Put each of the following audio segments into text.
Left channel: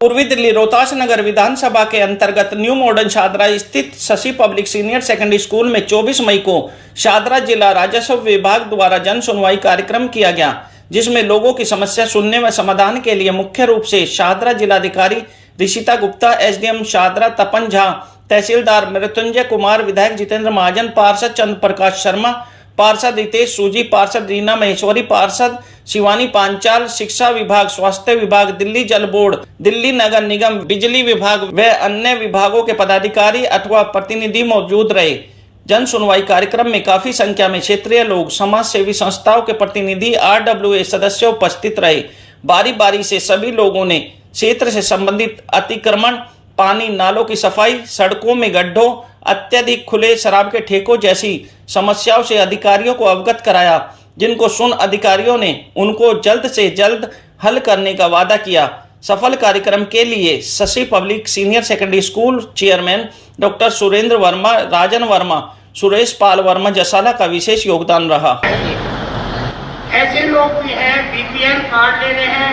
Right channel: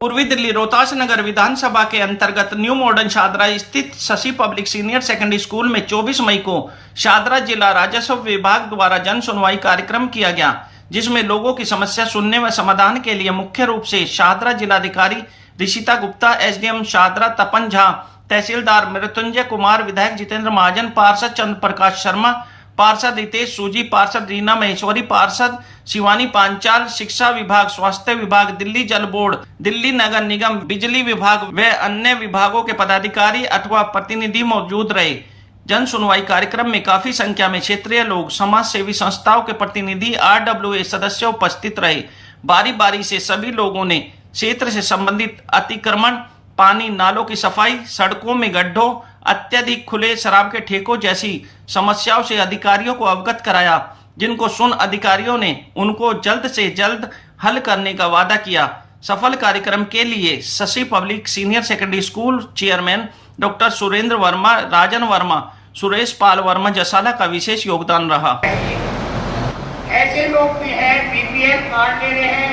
पूर्वी दिल्ली रोहतास नगर विधानसभा के अंतर्गत न्यू मॉडर्न शादरा स्थित Shashi public senior secondary school में 24 मई को शादरा जिला राजस्व विभाग द्वारा जन सुनवाई कार्यक्रम किया गया, जिसमें लोगों की समस्या सुनने व समाधान के लिए मुख्य रूप से शादरा जिलाधिकारी ऋषिता गुप्ता, एसडीएम शादरा तपन झा, तहसीलदार मृत्युंजय कुमार, विधायक जितेंद्र महाजन, पार्षद चंद्र प्रकाश शर्मा, पार्षद रितेश सूजी, पार्षद रीना महेश्वरी, पार्षद शिवानी पांचाल, शिक्षा विभाग, स्वास्थ्य विभाग, दिल्ली जल बोर्ड, दिल्ली नगर निगम, बिजली विभाग व अन्य विभागों के पदाधिकारी अथवा प्रतिनिधि मौजूद रहे। जन सुनवाई कार्यक्रम में काफी संख्या में क्षेत्रीय लोग, समाज सेवी संस्थाओं के प्रतिनिधि, RWA सदस्य उपस्थित रहे। बारी बारी से सभी लोगों ने क्षेत्र से संबंधित अतिक्रमण, पानी नालों की सफाई, सड़कों में गड्ढों, अत्यधिक खुले शराब के ठेकों जैसी समस्याओं से अधिकारियों को अवगत कराया, जिनको सुन अधिकारियों ने उनको जल्द से जल्द हल करने का वादा किया। सफल कार्यक्रम के लिए Shashi public senior secondary school chairman doctor Surendra Verma, Rajan Verma, Suresh Pal Verma Jasala का विशेष योगदान रहा। ऐसे लोग भी हैं, BPL कार्ड ले रहे हैं,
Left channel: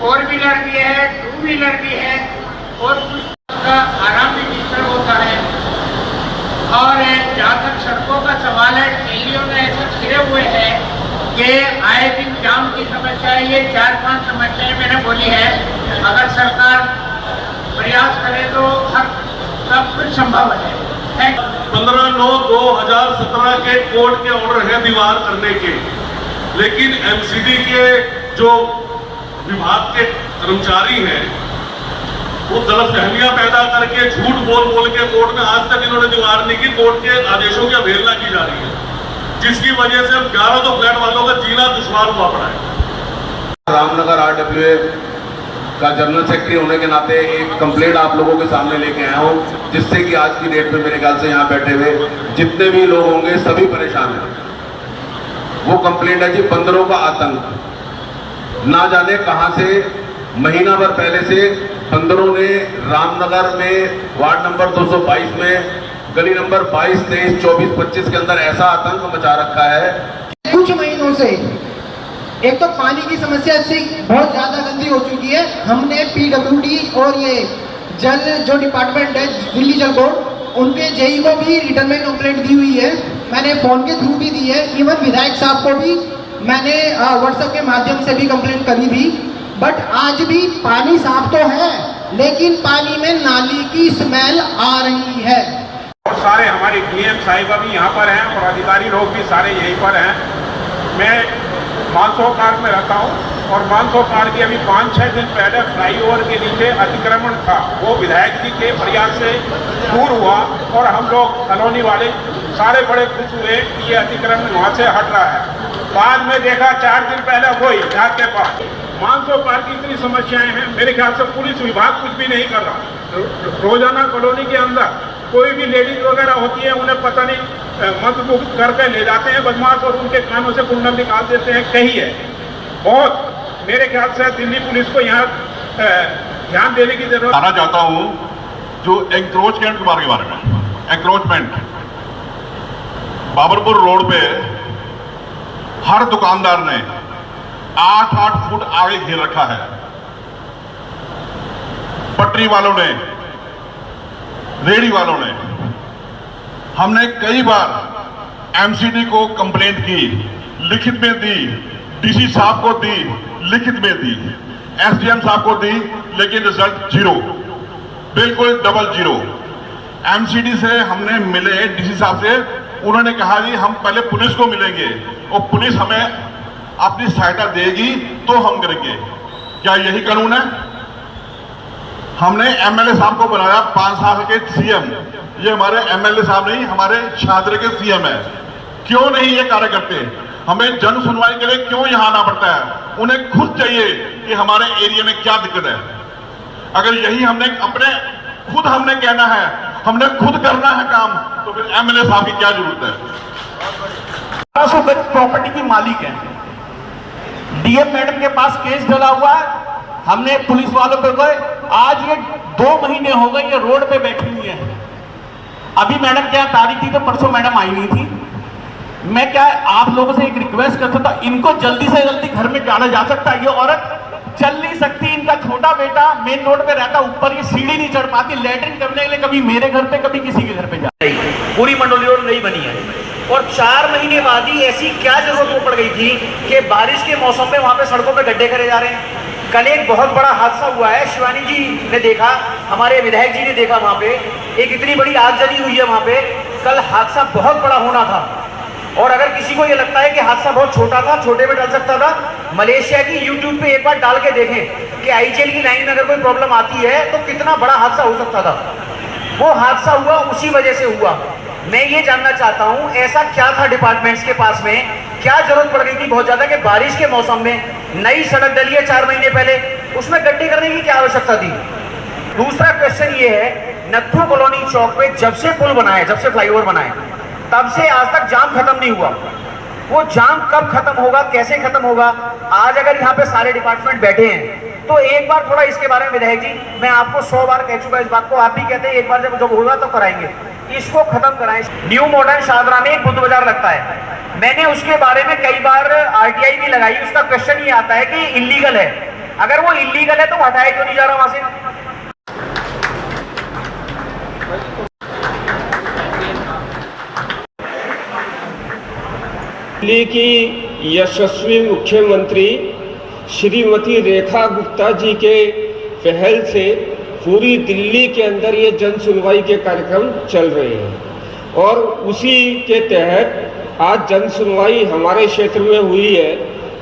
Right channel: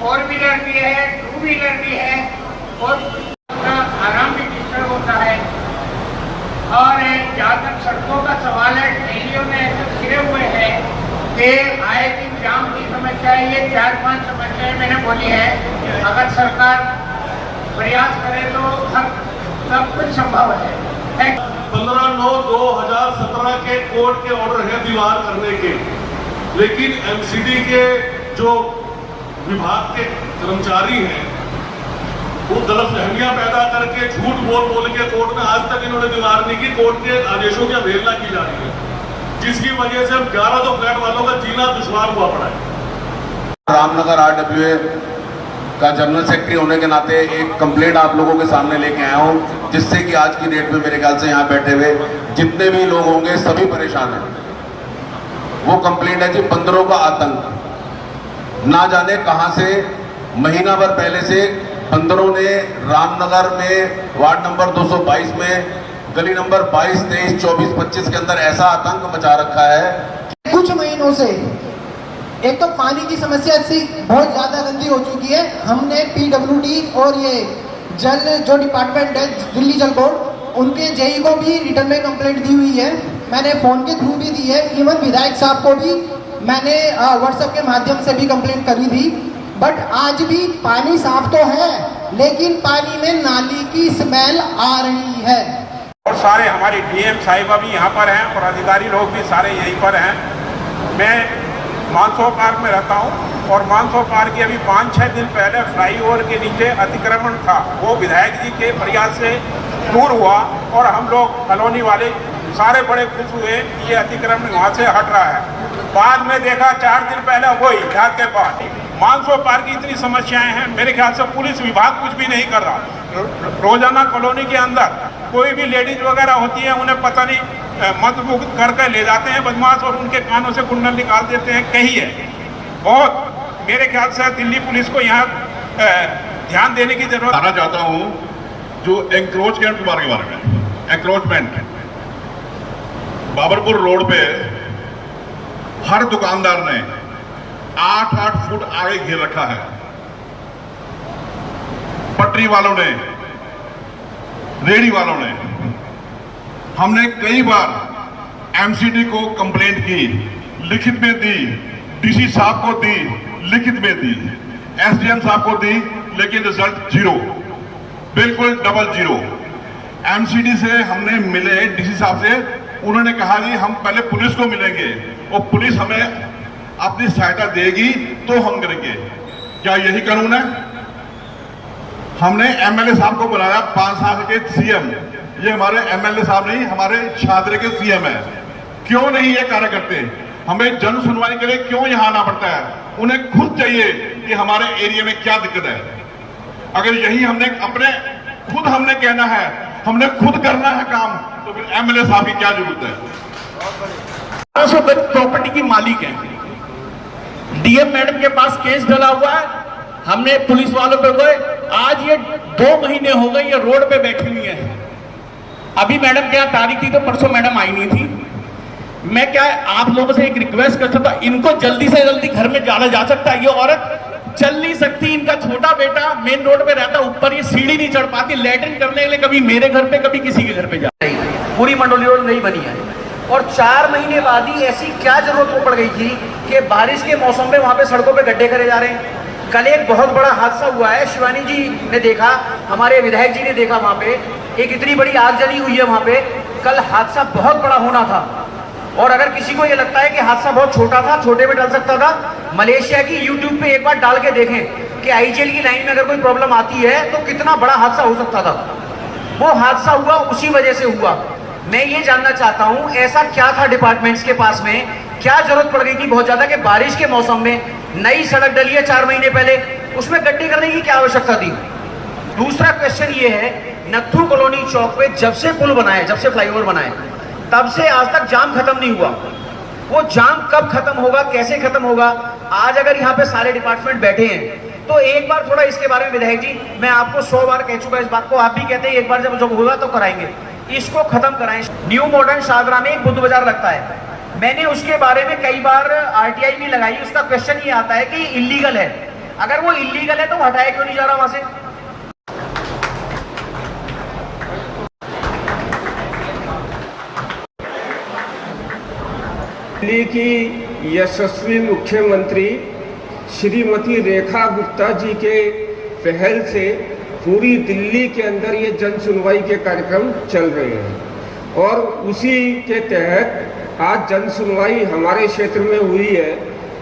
4 व्हीलर भी है, 2 व्हीलर भी है और आराम भी जिस पर होता है। और जहाँ तक सड़कों का सवाल है, ट्रेनियों में ऐसे घिरे हुए हैं कि आए दिन जाम की समस्या है। ये 4-5 समस्याएं मैंने बोली है। अगर सरकार प्रयास करे तो हर सब कुछ संभव है। 15/9/2017 के कोर्ट के ऑर्डर है दीवार करने के, लेकिन MCD के जो विभाग के कर्मचारी हैं वो गलतफहमियां पैदा करके झूठ बोल के कोर्ट में आज तक इन्होंने दीवार नहीं की। कोर्ट के आदेशों की अवहेलना की जा रही है, जिसकी वजह से 11 फ्लैट वालों का जीना दुश्वार हुआ पड़ा है। रामनगर RWA का जनरल सेक्रेटरी होने के नाते एक कंप्लेंट आप लोगों के सामने लेके आया हूं, जिससे कि आज की डेट में मेरे ख्याल से यहाँ बैठे हुए जितने भी लोग होंगे सभी परेशान हैं। वो कंप्लेंट है जी बंदरों का आतंक। ना जाने कहां से महीना भर पहले से बंदरों ने रामनगर में वार्ड नंबर 222 में गली नंबर 22, 23, 24, 25 के अंदर ऐसा आतंक मचा रखा है। कुछ महीनों से एक तो पानी की समस्या से बहुत ज्यादा गंदी हो चुकी है। हमने PWD और ये जल जो डिपार्टमेंट है दिल्ली जल बोर्ड, उनके जेई को भी रिटर्न में कंप्लेंट दी हुई है। मैंने फोन के थ्रू भी दी है। इवन विधायक साहब को भी मैंने व्हाट्सएप के माध्यम से भी कंप्लेंट करी थी। बट आज भी पानी साफ तो है, लेकिन पानी में नाली की स्मेल आ रही है। और सारे हमारी DM साहिबा भी यहाँ पर हैं और अधिकारी लोग भी सारे यहीं पर हैं। मैं मानसरोवर पार्क में रहता हूँ और मानसरोवर पार्क के अभी 5-6 दिन पहले फ्लाईओवर के नीचे अतिक्रमण था, वो विधायक जी के प्रयास से दूर हुआ और हम लोग कॉलोनी वाले सारे बड़े खुश हुए कि ये अतिक्रमण वहाँ से हट रहा है। बाद में देखा 4 दिन पहले वही झाग के पास मानसरोवर पार्क की इतनी समस्याएं हैं, मेरे ख्याल से पुलिस विभाग कुछ भी नहीं कर रहा। रोजाना कॉलोनी के अंदर कोई भी लेडीज वगैरह होती है, उन्हें पता नहीं मंत्रमुग्ध करके ले जाते हैं बदमाश और उनके कानों से कुंडल निकाल देते हैं। कहीं है बहुत, मेरे ख्याल से दिल्ली पुलिस को यहाँ ध्यान देने की जरूरत। आना चाहता हूँ जो एंक्रोचमेंट के बारे में, एंक्रोचमेंट बाबरपुर रोड पे हर दुकानदार ने 8-8 फुट आगे घेर रखा है। पटरी वालों ने, रेडी वालों ने, हमने कई बार MCD को कंप्लेंट की, लिखित में दी, DC साहब को दी, लिखित में दी, SDM साहब को दी, लेकिन रिजल्ट 0, बिल्कुल डबल 0। MCD से हमने मिले, DC साहब से, उन्होंने कहा जी हम पहले पुलिस को मिलेंगे और पुलिस हमें अपनी सहायता देगी तो हम करेंगे। क्या यही कानून है? हमने MLA साहब को बनाया 5 साल के CM। ये हमारे MLA साहब नहीं, हमारे शादरे के CM है। क्यों नहीं ये कार्य करते? हमें जन सुनवाई के लिए क्यों यहां आना पड़ता है? उन्हें खुद चाहिए कि हमारे एरिया में क्या दिक्कत है। अगर यही हमने हमने कहना है, हमने खुद करना है काम, तो फिर MLA साहब की क्या जरूरत है? 200 प्रॉपर्टी की मालिक है। DM मैडम के पास केस डला हुआ है। हमने पुलिस वालों पे गए, आज ये 2 महीने हो गए ये रोड पे बैठी हुई है। अभी मैडम क्या तारीख थी, तो परसों मैडम आई नहीं थी। मैं क्या आप लोगों से एक रिक्वेस्ट कर सकता, इनको जल्दी से जल्दी घर में डाला जा सकता है। ये औरत चल नहीं सकती, इनका छोटा बेटा मेन रोड पे रहता, ऊपर ये सीढ़ी नहीं चढ़ पाती, लैट्रिन करने के लिए कभी मेरे घर पे कभी किसी के घर पे जाता। पूरी मंडोली रोड नहीं बनी है और 4 महीने बाद ही ऐसी क्या जरूरत पड़ गई थी कि बारिश के मौसम में वहां पे सड़कों पे गड्ढे करे जा रहे हैं। कल एक बहुत बड़ा हादसा हुआ है, शिवानी जी ने देखा, हमारे विधायक जी ने देखा, वहां पे एक इतनी बड़ी आग जली हुई है वहां पे। कल हादसा बहुत बड़ा होना था और अगर किसी को ये लगता है कि हादसा बहुत छोटा था, छोटे में टल सकता था, मलेशिया की यूट्यूब पे एक बार डाल के देखें कि आईजीएल की लाइन में अगर कोई प्रॉब्लम आती है तो कितना बड़ा हादसा हो सकता था। वो हादसा हुआ उसी वजह से हुआ। मैं ये जानना चाहता हूं ऐसा क्या था डिपार्टमेंट्स के पास में, क्या जरूरत पड़ गई थी बहुत ज्यादा कि बारिश के मौसम में नई सड़क डली है 4 महीने पहले, उसमें गड्ढे करने की क्या आवश्यकता थी। दूसरा क्वेश्चन ये है, नत्थू कॉलोनी चौक पे जब से पुल बना है, जब से फ्लाईओवर बना है, तब से आज तक जाम खत्म नहीं हुआ। वो जाम कब खत्म होगा, कैसे खत्म होगा? आज अगर यहाँ पे सारे डिपार्टमेंट बैठे हैं तो एक बार थोड़ा इसके बारे में विधायक जी, मैं आपको 100 बार कह चुका इस बात को, आप भी कहते हैं एक बार जब होगा तो कराएंगे, इसको खत्म कराएं। न्यू मॉडर्न शादरा में एक बुद्ध बाजार लगता है, मैंने उसके बारे में कई बार आरटीआई भी लगाई, उसका क्वेश्चन ये आता है कि इलीगल है। अगर वो इलीगल है तो हटाया क्यों नहीं जा रहा वहां से? दिल्ली की यशस्वी मुख्यमंत्री श्रीमती रेखा गुप्ता जी के पहल से पूरी दिल्ली के अंदर ये जन सुनवाई के कार्यक्रम चल रहे हैं और उसी के तहत आज जन सुनवाई हमारे क्षेत्र में हुई है।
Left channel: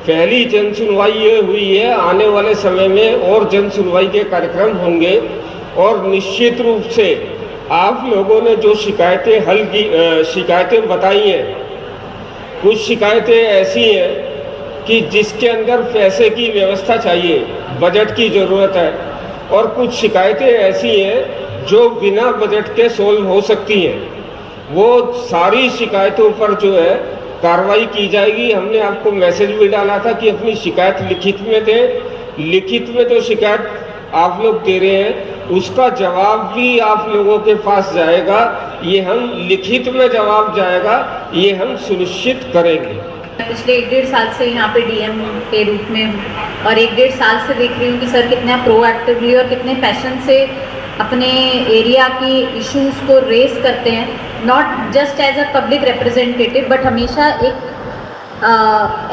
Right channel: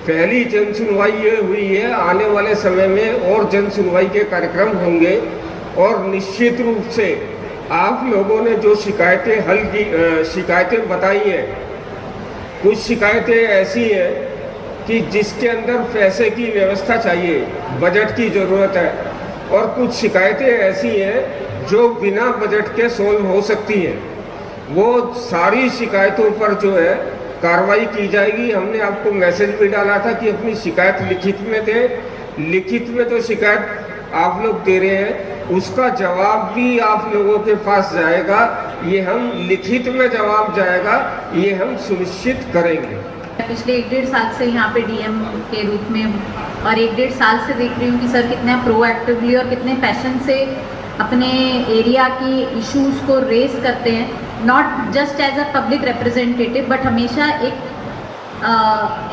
पहली जन सुनवाई ये हुई है, आने वाले समय में और जन सुनवाई के कार्यक्रम होंगे और निश्चित रूप से आप लोगों ने जो शिकायतें बताई हैं, कुछ शिकायतें ऐसी हैं कि जिसके अंदर पैसे की व्यवस्था चाहिए, बजट की ज़रूरत है, और कुछ शिकायतें ऐसी हैं जो बिना बजट के सोल्व हो सकती हैं। वो सारी शिकायतों पर जो है कार्रवाई की जाएगी। हमने आपको मैसेज भी डाला था कि अपनी शिकायत लिखित में दें। लिखित में जो शिकायत आप लोग दे रहे हैं उसका जवाब भी आप लोगों के पास जाएगा, ये हम लिखित में जवाब जाएगा, ये हम सुनिश्चित करेंगे। पिछले 1-1.5 साल से यहाँ पे डीएम के रूप में हूँ और 1-1.5 साल से देख रही हूँ कि सर कितने प्रोएक्टिवली और कितने पैशन से अपने एरिया की इश्यूज को रेस करते हैं, not just as a public representative but हमेशा एक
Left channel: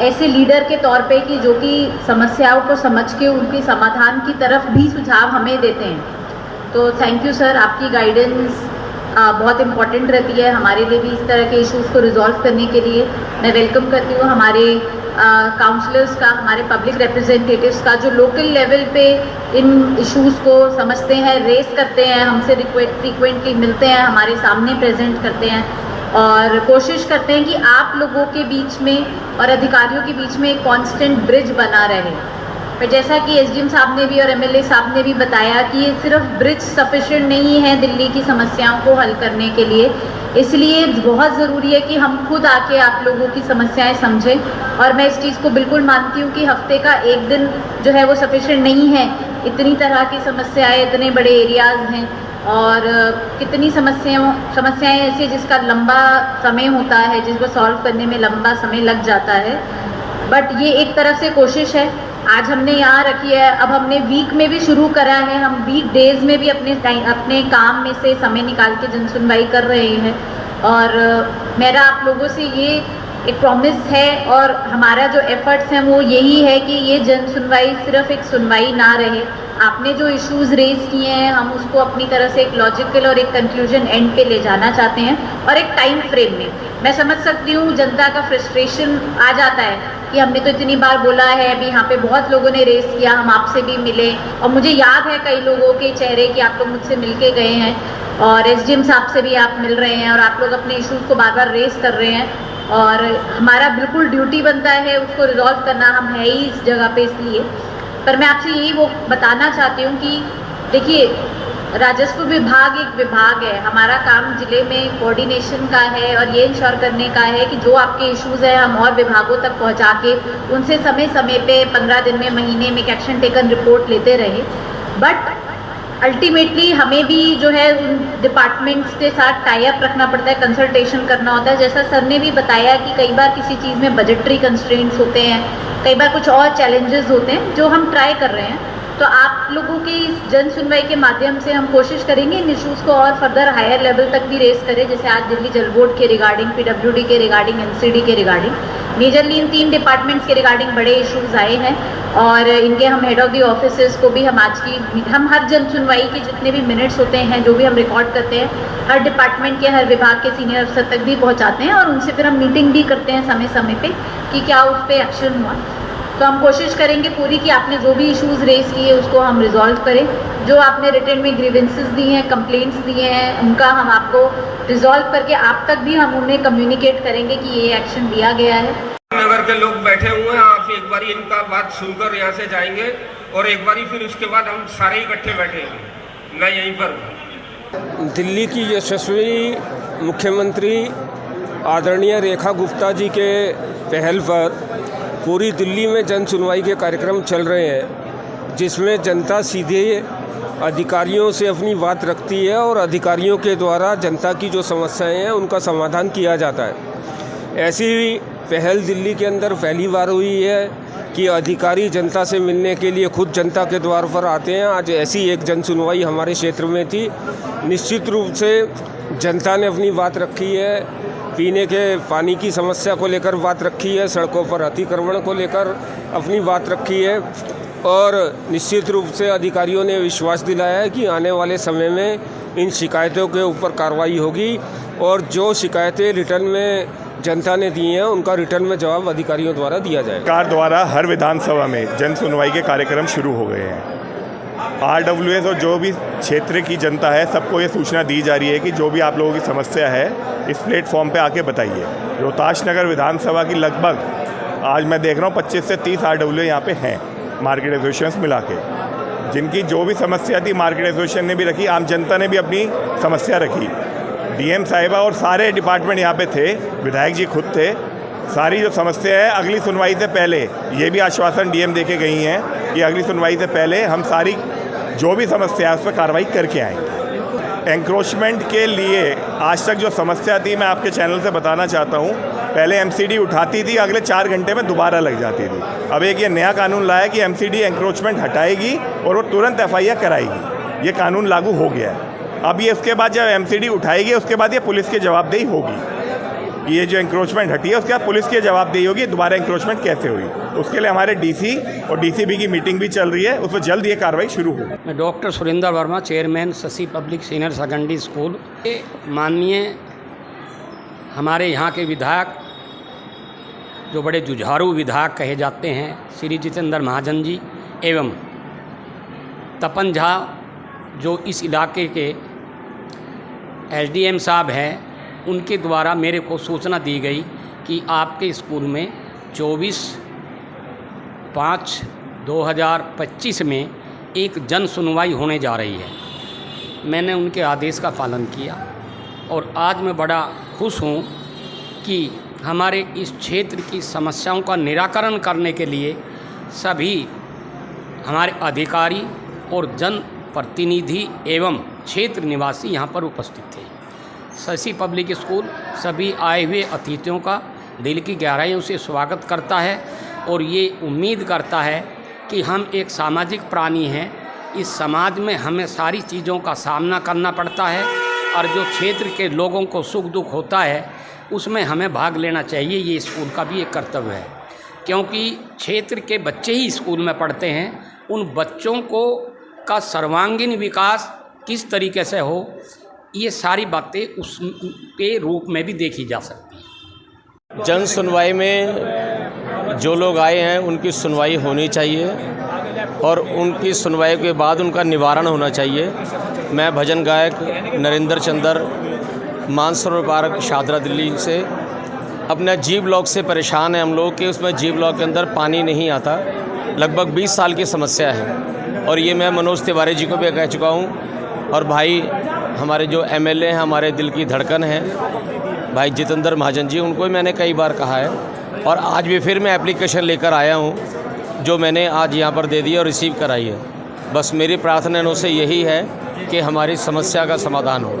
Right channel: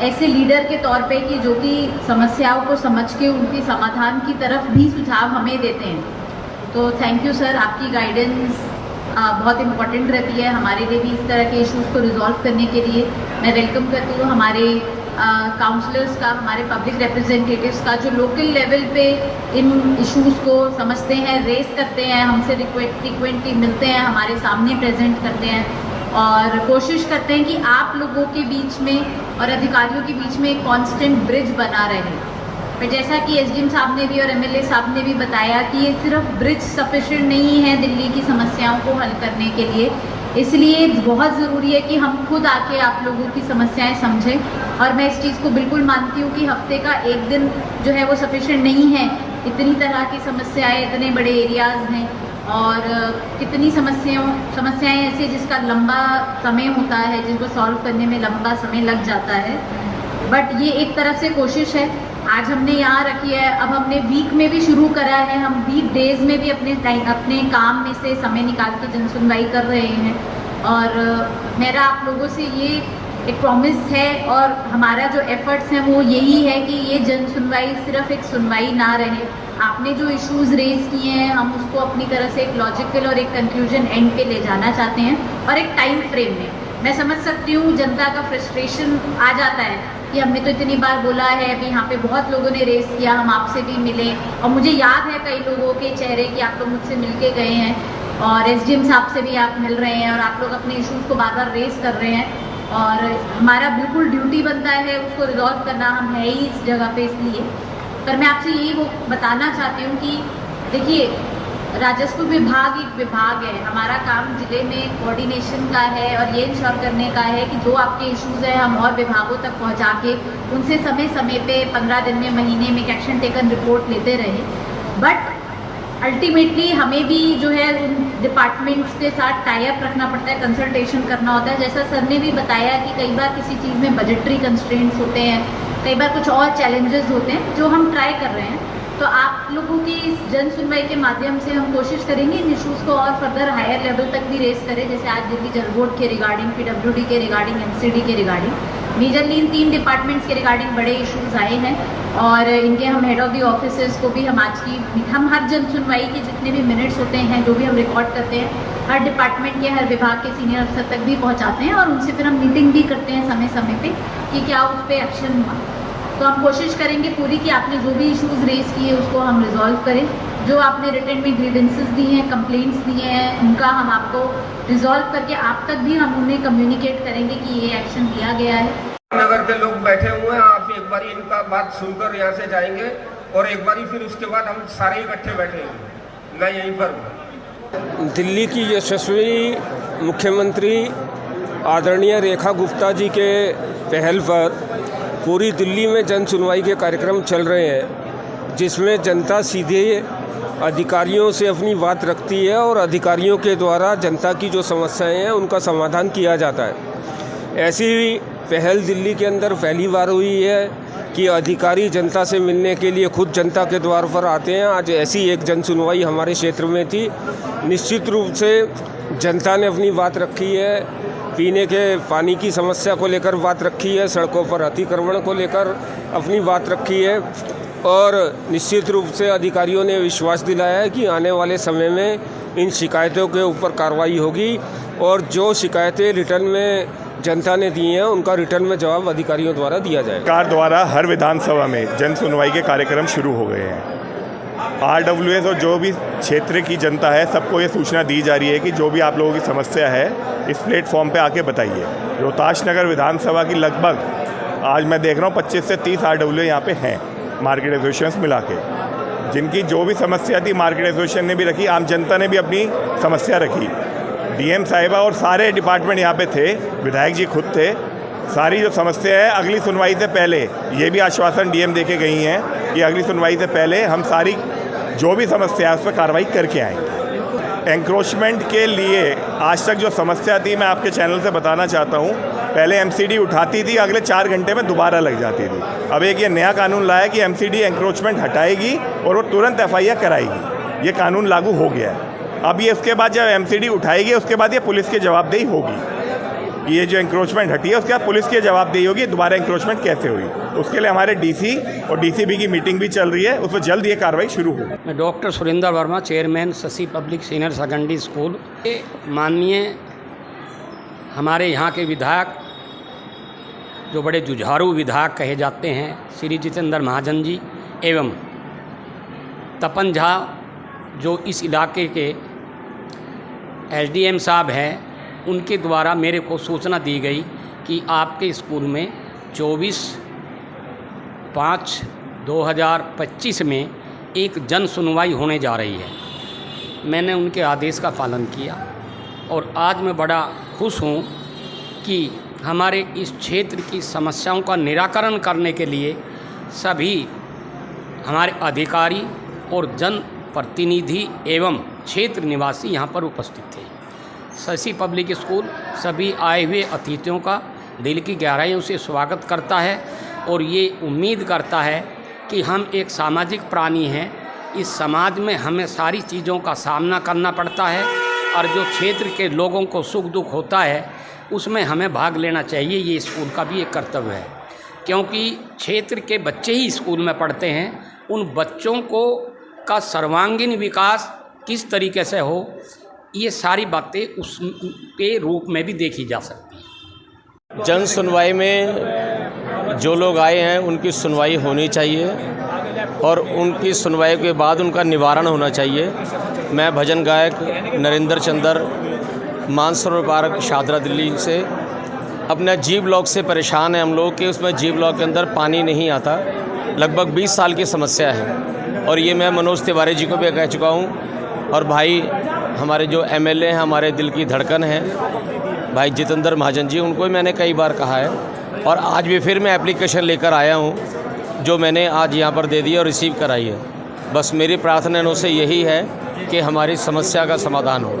ऐसे लीडर के तौर पे कि जो कि समस्याओं को समझ के उनके समाधान की तरफ भी सुझाव हमें देते हैं। तो थैंक यू सर, आपकी गाइडेंस बहुत इम्पॉर्टेंट रहती है हमारे लिए भी इस तरह के इश्यूज़ को रिजॉल्व करने के लिए। मैं वेलकम करती हूँ हमारे काउंसलर्स का, हमारे पब्लिक रिप्रेजेंटेटिव्स का, जो लोकल लेवल पे इन इश्यूज़ को समझते हैं, रेस करते हैं, हमसे फ्रीक्वेंटली मिलते हैं, हमारे सामने प्रेजेंट करते हैं और कोशिश करते हैं कि आप लोगों के बीच में और अधिकारियों के बीच में एक कांस्टेंट ब्रिज बना रहे। पर जैसा कि एसडीएम साहब ने भी और एमएलए साहब ने भी बताया कि ये सिर्फ ब्रिज सफिशिएंट नहीं है दिल्ली की समस्याओं को हल करने के लिए, इसलिए बहुत ज़रूरी है कि हम खुद आके आप लोगों की समस्याएं समझें। और मैं इस चीज़ को बिल्कुल मानती हूँ कि हफ्ते का एक दिन जो है वो सफिशिएंट नहीं है। इतनी तरह की समस्याएं, इतने बड़े एरियाज़ हैं और कितनी समस्याएं ऐसी जिसका लंबा समय होता है, जिसको सॉल्व करने में लंबा समय लग जाता है। बट ये एक तरफ से कोशिश है, आज हमने यहाँ रखी है, अब हमने वीक में भी शुरू करा है, हम वीक डेज में भी अपने काम में से समय निकाल के जन सुनवाई कर रहे हैं। और मेरा आप लोगों से ये एक प्रॉमिस है और हमारा जो एफर्ट्स हैं वो यही है कि ये जन सुनवाई सिर्फ एक सुनवाई ना रहे। आपने जो इश्यूज़ रेज किए हैं हम उसको अपनी तरह से एक लॉजिकल और एक कंक्लूजन एंड पे ले जाना चाहते हैं और एक टाइम फ्रेम में। मैं समझ सकती हूँ जनता का फ्रस्ट्रेशन आ जाता है कि हमने तो इतनी बार बोला है, अभी यहाँ पे बहुत लोगों ने रेस किया, हम आपसे भी मिले और मुझे याद है कई लोगों के चेहरे कि आप लोग मुझसे मिल के गए हैं और एसडीएम साहब से भी आप मिल रहे हैं और आप लोग अपने इश्यूज़ को बार बार रेस कर रहे हैं और हमारा बिल्कुल ड्यूटी बनता है उसको रिजॉल्व करना, हम है ही इस जगह पे इसलिए। पर मैं आपसे यही वो बताना चाहती हूँ कि देखिए, राजस्व विभाग एक विभाग है, हमारा काम जिले में कोऑर्डिनेशन का है और ये इंश्योर करने का है कि जो आपके इश्यूज़ हैं हम और विभागों तक पहुँचा के उनसे समय समय पे 15 दिन में, महीने में एक्शन टेकन रिपोर्ट लेते रहे। बट अल्टीमेटली हमें भी जो है उन डिपार्टमेंट्स के साथ टाई अप रखना पड़ता है, कंसल्टेशन करना होता है। जैसा सर ने भी बताया कि कई बार किसी चीज़ में बजटरी कंस्ट्रेंट्स होते हैं, कई बार कुछ और चैलेंजेस होते हैं जो हम ट्राई कर रहे हैं। तो आप लोगों की जन सुनवाई के माध्यम से हम कोशिश करेंगे इन इश्यूज़ को और फर्दर हायर लेवल तक भी रेस करें, जैसे आज दिल्ली जल बोर्ड के रिगार्डिंग, PWD के रिगार्डिंग, MCD के रिगार्डिंग, मेजरली इन 3 डिपार्टमेंट्स के रिगार्डिंग बड़े इश्यूज़ आए हैं और इनके हम हेड ऑफ द ऑफिसेस को भी हम हर जन सुनवाई के जितने भी मिनट्स होते हैं, जो भी हम रिकॉर्ड करते हैं, हर डिपार्टमेंट के हर विभाग के सीनियर अफसर तक भी पहुंचाते हैं और उनसे फिर हम मीटिंग भी करते हैं समय समय पे कि क्या उस पर एक्शन हुआ। तो हम कोशिश करेंगे पूरी कि आपने जो भी इश्यूज़ रेज किए उसको हम रिजॉल्व करें। जो आपने रिटर्न में ग्रीवेंसेस दिए हैं, कंप्लेंट्स दिए हैं, उनका हम आपको रिजॉल्व करके आप तक भी हम उन्हें कम्युनिकेट करेंगे कि ये एक्शन लिया गया है। नगर के लोग बैठे हुए हैं, आप एक बारी इनका बात सुनकर यहाँ से जाएंगे और एक बारी फिर उसके बाद हम सारे इकट्ठे बैठेंगे। मैं यहीं पर दिल्ली की यशस्वी मुख्यमंत्री आदरणीय रेखा गुप्ता जी के पहल पर पूरी दिल्ली में जन सुनवाई के कार्यक्रम चल रहे हैं, जिसमें जनता सीधे अधिकारियों से अपनी बात रखती है और अधिकारियों के द्वारा जनता की जो समस्याएं हैं उनका समाधान किया जाता है। ऐसी पहल दिल्ली के अंदर पहली बार हुई है कि अधिकारी जनता से मिलने के लिए खुद जनता के द्वार पर आते हैं। आज ऐसी एक जन सुनवाई हमारे क्षेत्र में थी। निश्चित रूप से जनता ने अपनी बात रखी है, पीने के पानी की समस्या को लेकर बात रखी है, सड़कों पर अतिक्रमण को लेकर अपनी बात रखी है और निश्चित रूप से अधिकारियों ने विश्वास दिलाया है कि आने वाले समय में इन शिकायतों के ऊपर कार्रवाई होगी और जो शिकायतें रिटर्न में जनता ने दी हैं उनका रिटर्न में जवाब अधिकारियों द्वारा दिया जाएगा। सरकार द्वारा हर विधानसभा में जन सुनवाई के कार्यक्रम शुरू हो गए हैं। RWS और जो भी क्षेत्र की जनता है सबको ये सूचना दी जा रही है कि जो भी आप लोगों की समस्या है इस प्लेटफॉर्म पे आके बताइए। रोहताश नगर विधानसभा की लगभग आज मैं देख रहा हूँ 25 से 30 RWS यहाँ पे हैं, मार्केट एसोसिएशन मिला के, जिनकी जो भी समस्या थी मार्केट एसोसिएशन ने भी रखी, आम जनता ने भी अपनी समस्या रखी। DM साहिबा और सारे डिपार्टमेंट यहाँ पे थे, विधायक जी खुद थे। सारी जो समस्या है अगली सुनवाई से पहले, ये भी आश्वासन DM दे के गई हैं कि अगली सुनवाई से पहले हम सारी जो भी समस्या है उस पर कार्रवाई करके आएंगे। एंक्रोचमेंट के लिए आज तक जो समस्या थी मैं आपके चैनल से बताना चाहता हूँ, पहले MCD उठाती थी, अगले 4 घंटे में दोबारा लग जाती थी। अब एक ये नया कानून लाया कि MCD एंक्रोचमेंट हटाएगी और वो तुरंत FIR कराएगी। ये कानून लागू हो गया है। अब ये उसके बाद जब MCD उठाएगी उसके बाद ये पुलिस की जवाबदेही होगी। ये जो एंक्रोचमेंट हटी है उसके बाद पुलिस की जवाबदेही होगी दोबारा एंक्रोचमेंट कैसे हुई। उसके लिए हमारे DC और DCB की मीटिंग भी चल रही है, उस पर जल्द ये कार्रवाई शुरू होगी। मैं doctor Surendra Verma, chairman Shashi public senior secondary school. माननीय हमारे यहाँ के विधायक जो बड़े जुझारू विधायक कहे जाते हैं, श्री जितेंद्र महाजन जी एवं तपन झा जो इस इलाके के SDM साहब हैं, उनके द्वारा मेरे को सूचना दी गई कि आपके स्कूल में 24/5/2025 में एक जन सुनवाई होने जा रही है। मैंने उनके आदेश का पालन किया और आज मैं बड़ा खुश हूँ कि हमारे इस क्षेत्र की समस्याओं का निराकरण करने के लिए सभी हमारे अधिकारी और जन प्रतिनिधि एवं क्षेत्र निवासी यहाँ पर उपस्थित थे। शशि पब्लिक स्कूल सभी आए हुए अतिथियों का दिल की गहराइयों से स्वागत करता है और ये उम्मीद करता है कि हम एक सामाजिक प्राणी हैं। इस समाज में हमें सारी चीज़ों का सामना करना पड़ता है और जो क्षेत्र के लोगों को सुख दुख होता है उसमें हमें भाग लेना चाहिए। ये स्कूल का भी एक कर्तव्य है, क्योंकि क्षेत्र के बच्चे ही स्कूल में पढ़ते हैं। उन बच्चों को का सर्वांगीण विकास किस तरीके से हो, ये सारी बातें उसके रूप में भी देखी जा सकती हैं। जन सुनवाई में जो लोग आए हैं उनकी सुनवाई होनी चाहिए और उनकी सुनवाई के बाद उनका निवारण होना चाहिए। मैं भजन गायक नरेंद्र चंद्र, मानसरोवर पार्क, शादरा, दिल्ली से। अपना G ब्लॉक से परेशान है हम लोग कि उसमें G ब्लॉक के अंदर पानी नहीं आता। लगभग 20 साल की समस्या है और ये मैं मनोज तिवारी जी को भी कह चुका हूँ और भाई हमारे जो MLA हैं, हमारे दिल की धड़कन है भाई जितेंद्र महाजन जी, उनको भी मैंने कई बार कहा है और आज भी फिर मैं एप्लीकेशन लेकर आया हूँ जो मैंने आज यहाँ पर दे दी और रिसीव कराई है। बस मेरी प्रार्थना उनसे यही है कि हमारी समस्या का समाधान हो।